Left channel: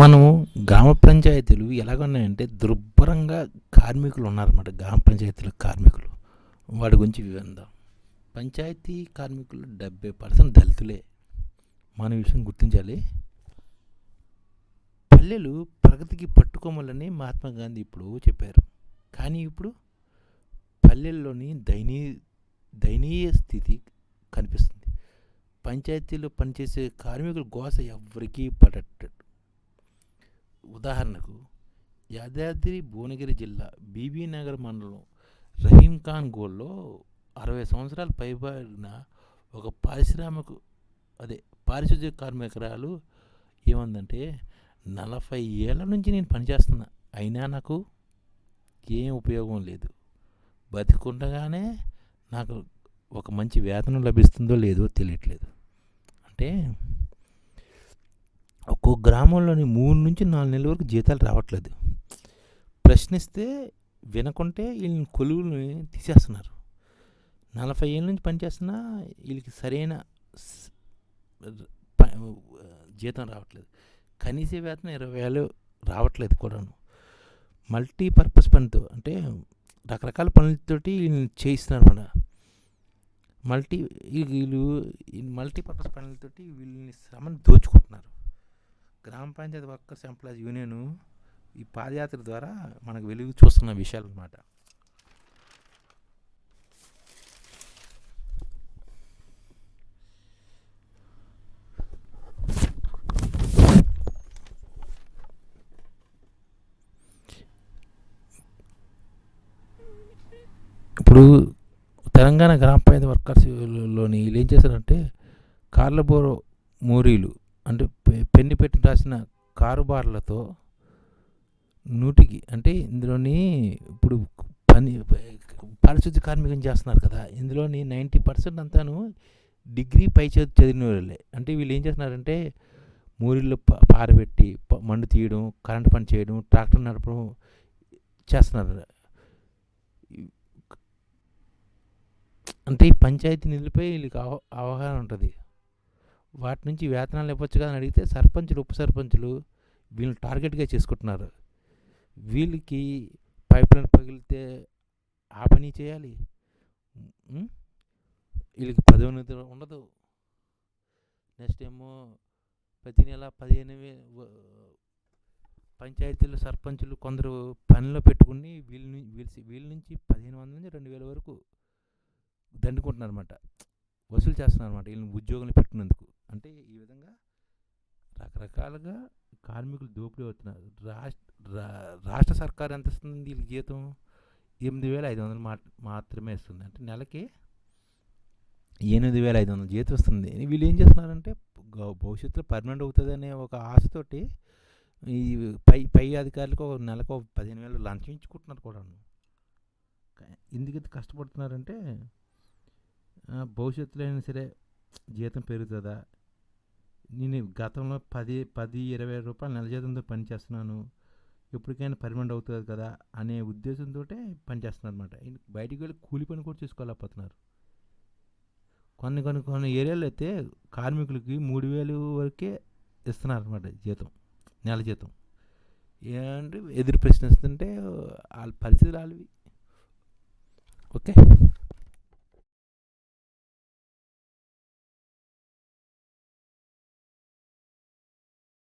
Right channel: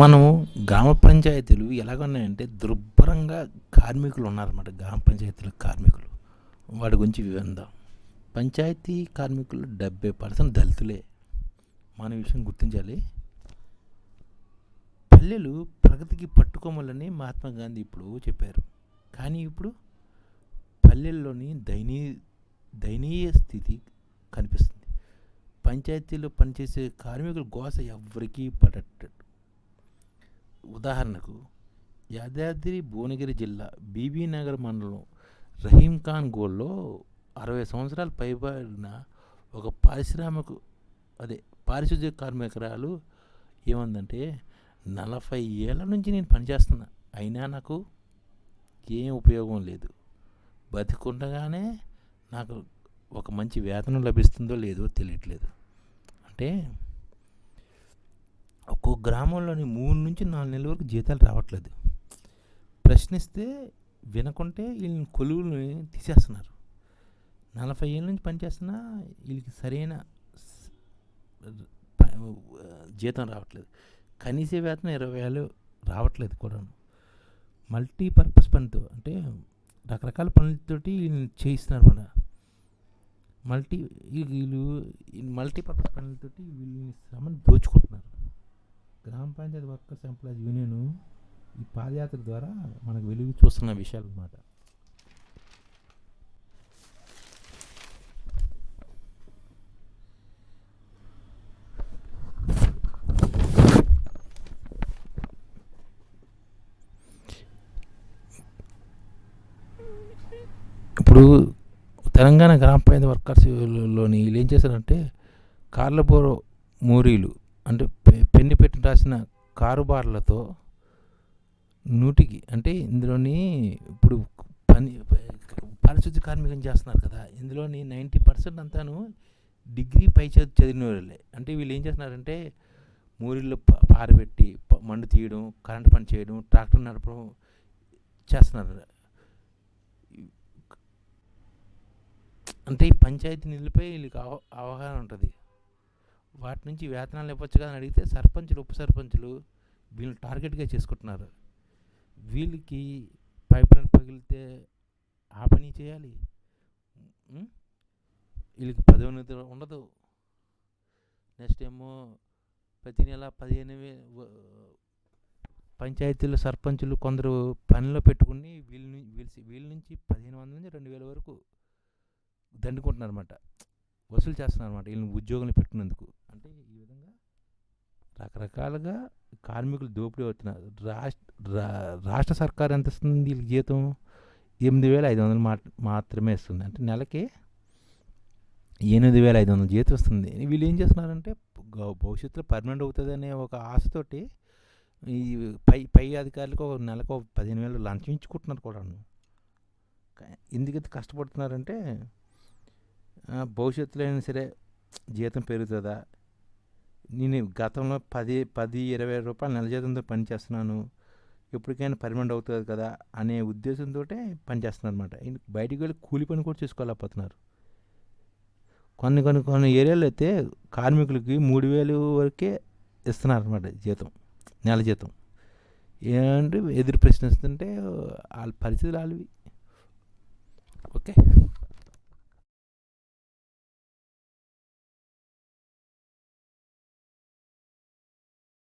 మనము గ్రామ పంచాయతీలు ఎలాగున్నాయంటే దుర్భరంగా కార్మికులు ఉన్నారన్నమాట. గ్రామ పంచాయతీల కార్మికులు వాటి గురించి వివరిద్దాం. పంచాయతీ కార్మికులు 70% దళితులే. మన విషయం గుర్తించాలి. పల్లెలు ప్రగతికి పట్టుకోమలని మహాత్మా గాంధీ ఇప్పుడు చెప్పారు. కానీ ఇప్పుడు పల్లెల్లోని దయనీయ స్థితి కనిపిస్తుంది. పంచాయతీలో పనిచేసే కార్మికుల గోస ఎవ్వరికీ పడట్లేదు. ఉదాహరణకు యాదాద్రి భువనగిరి జిల్లా బీబీనగర్ మండలం రహీం ఖాన్ గోల్లో 60 సంవత్సరాలు పైబడిన ఒక పారిశుద్ధ్య కార్మికురాలు ఏముందంటే, 40 ఏళ్ళ నుంచి నేను పనిచేస్తున్నా, అయినా నాకు ఏం ఉపయోగం లేదు. బతికుండగానే నాకు ఒక మంచి వేతనం లభిస్తుందో లేదో తెలియట్లేదు. అంటే ఒక్కో గ్రామంలోని 3 నుంచి 4 నెలల వరకు జీతాలు రావట్లేదు. ప్రశ్నిస్తే వినకుంటే వీళ్ళని కొలువుని తీసేస్తున్నారు. 40 ఏళ్ళ నుంచి పనిచేస్తున్నా వీళ్ళకి సరైన జీతం రావట్లేదు. కనీస వేతనం 20,000 రావట్లేదు కూడాను. మల్టీపర్పస్ పనితో అంటే రకరకాల పనులతోటి వీళ్ళని చేయిస్తున్నారు. వీళ్ళు మల్టీపర్పస్ పనులతోటి వీళ్ళని శ్రమను దోచుకుంటున్నారు. గ్రామ పంచాయతీ వర్కర్స్ ఎంప్లాయీస్ యూనియన్ ఈ పాదయాత్ర ద్వారా మనకు వెలుగు చూస్తున్న విషయాలు అన్నమాట. ఇప్పుడు తెలంగాణ గ్రామ పంచాయతీ వర్కర్స్లోని వీళ్ళు ఏం చేశారంటే, కార్లబోరో మోరీలు అంటే పెన్ను పెట్టి రాసిన కారుబార్లతో నూటికి అంటే ఇందులోని ఇప్పుడు పారిశుద్ధ్య కార్మికం చేస్తున్నారు కదా, ఇందులోని 90% అంతాను డిగ్రీ పై చదివిన వాళ్ళే. అంటే వీళ్ళు ఏం చేస్తున్నారంటే మోరీల్లో పారబెట్టి మండు తీయడం, కరెంటు పని చేయడం, ట్రాక్టర్ నడపడం చేస్తున్నారు. అంటే ఈ పంచాయతీ నిధులపై వీళ్ళకి అవగాహన ఉంటుంది. వాటి నుంచి వేతనాలు ఇవ్వచ్చు కదా అని అడిగితే సర్పంచులు, ఉప సర్పంచులు వీళ్ళని టార్గెట్గా చేసుకుంటున్నారు. వీళ్ళకి పైప్ లైన్ పగిలితే ఆ పని చేయాలి, వీళ్ళకి పదోన్నతి ఉండదు. నెక్స్ట్ ఏమో ప్రతి నెల 15,000 పంచాయతీల సర్పంచులు కొందరు పనిలో పెట్టుకుని వీళ్ళ నుంచి 1,500 నుంచి 2,000 వరకు దండుకుంటున్నారన్నమాట, వసూలు చేస్తున్నారన్నమాట వీళ్ళని ఉద్యోగులు పెట్టినందుకు. అంటే ఈ విధంగా రకరకాలుగా కార్మికులు దోపిడీ అవుతున్నారు. రాష్ట్ర సర్కారు ఎంత ఇస్తుంది వీళ్ళకి జీతం? 8,500 మాత్రమే ఇస్తుంది. అంటే నెలకి 8,500 జీతం వస్తుంది. వీళ్ళు ఏం చేస్తున్నారంటే భవిష్యత్తులో పర్మనెంట్ అవుతుంది అనే ఒక ఆశతోటి ఈ పై అధికారులకు ఒక నెలకు 15,000 లంచం ఇచ్చుకుంటున్నారు కూడా. ఎందుకైతే కష్టపడుతున్నారంటే భవిష్యత్తులో అయినా సరే జీతం పెరుగుతుందా, నేను గతంలో 10-20 రూపాయలు నెల జీతంతో పనిచేస్తున్నాను, ఎప్పటికైనా పర్మనెంట్ అవుతుంది కదా అనే ఉద్దేశంతో పనిచేస్తున్నారు అనమాట. బయటికి వెళ్ళి కూలి పని కూడా చేసుకోలేకపోతున్నారు. కొన్ని ఏరియాలో అయితే కార్మికులకి 3,000 వరకే ఇస్తున్నారు అనమాట జీతం, నెల జీతం. ఏంటంటే ఎదురు ప్రశ్నిస్తుంటే వాళ్ళ పరిస్థితులు వాళ్ళవి. ఓకే.